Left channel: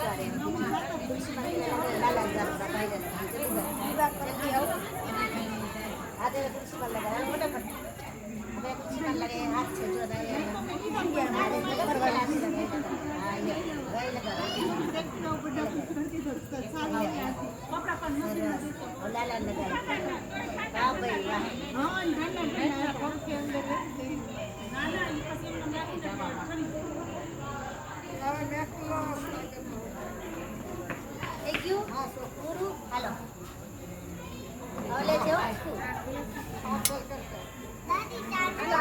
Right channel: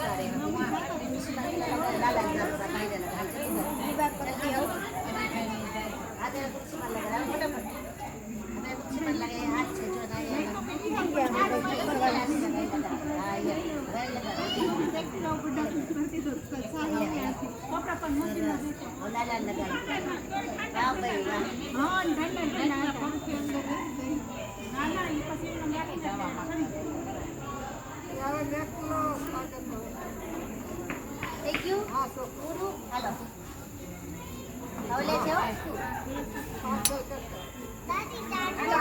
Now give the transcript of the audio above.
गरे हो म आ दिइसकन गल्ला गाला गाला गाला